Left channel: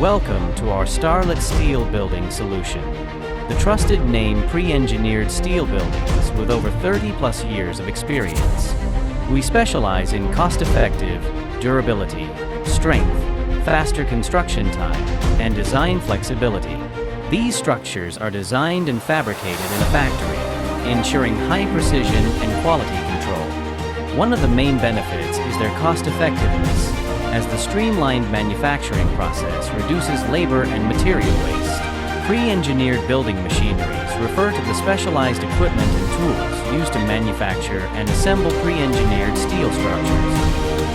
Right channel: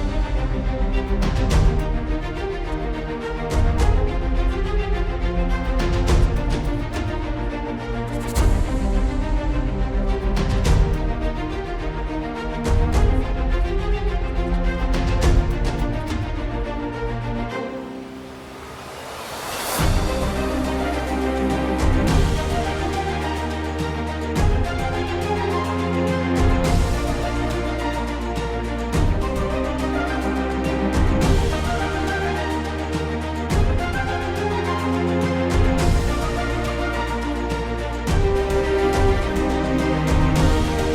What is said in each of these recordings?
Welcome to our Starlit Steel Building Solution, the trusted name pre-engineered steel buildings with over 30+ years of experience. We specialize in cost-effective, durability, strength, faster construction time, and design flexibility. These structures are designed and fabricated in a factory, ensuring high precision and quality control. One of the main benefits is their cost-effectiveness, as the streamlined manufacturing process reduces labor and material waste. Pre-engineered building machineries refer to the specialized equipment and tools used to manufacture and assemble pre-engineered steel structures.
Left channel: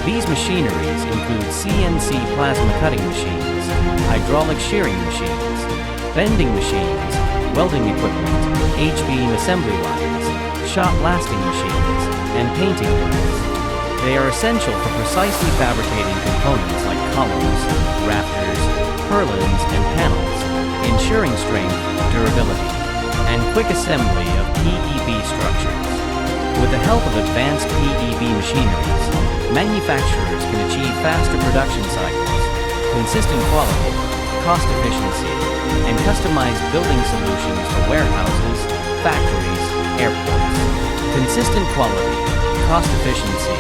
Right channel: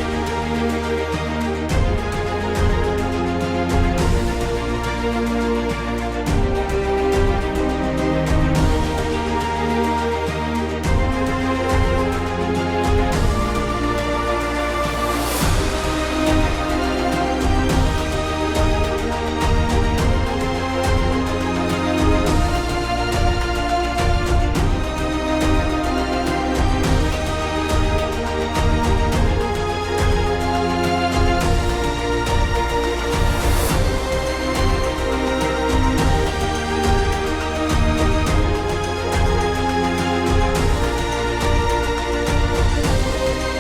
These machineries include CNC plasma cutting machines, hydraulic shearing machines, bending machines, welding equipment, H-beam assembly lines, shot blasting machines, and painting lines. They are essential for precisely fabricating components like columns, rafters, purlins, and panels, ensuring strength, durability, and quick assembly of PEB structures. With the help of advanced PEB machineries, manufacturers can achieve faster production cycles, consistent quality, cost efficiency, and customized building solutions for warehouses, factories, airports. Consistent quality, cost efficiency,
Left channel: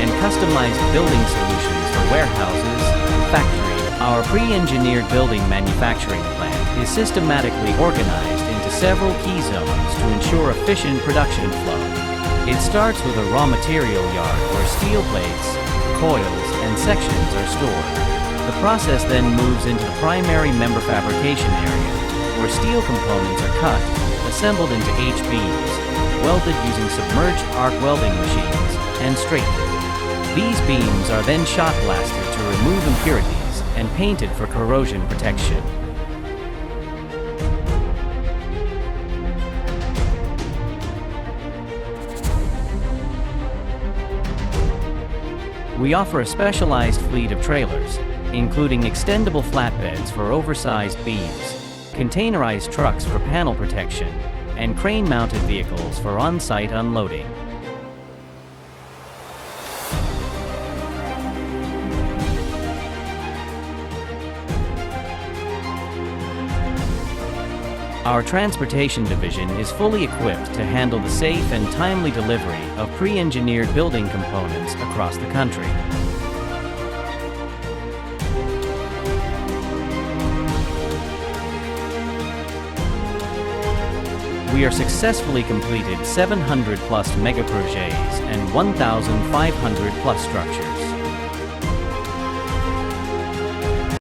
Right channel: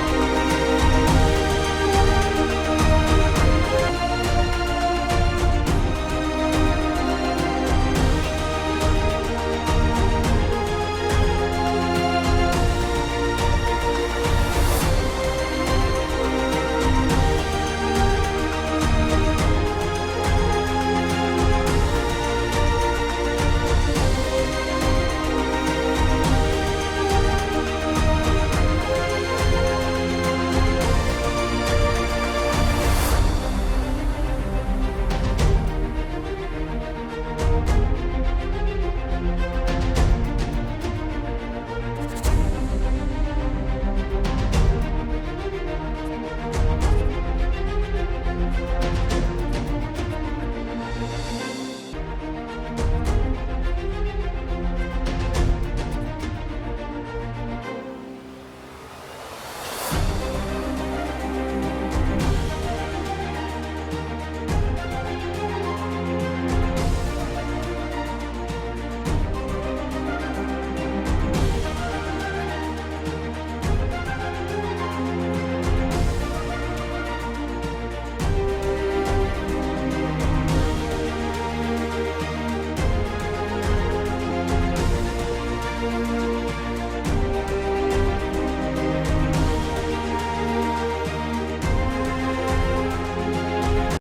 and customized building solutions for warehouses, factories. Our pre-engineered building manufacturing plant is systematically organized into several key zones to ensure efficient production flow. It starts with a raw material yard where steel plates, coils, and sections are stored. The process then moves into the primary member fabrication area, where steel components are cut, assembled into H-beams, welded using submerged arc welding machines, and straightened. These beams are then shot blasted to remove impurities and painted for corrosion protection. We offer a specialized fleet of trailers, including extendable flatbeds for oversized beams, containerized trucks for panel protection, and crane-mounted vehicles for on-site unloading. Our transportation division is fully equipped to handle the safe and timely delivery of pre-engineered building components across the country. We are successfully completed 700+ mega projects and 1,500+ structures.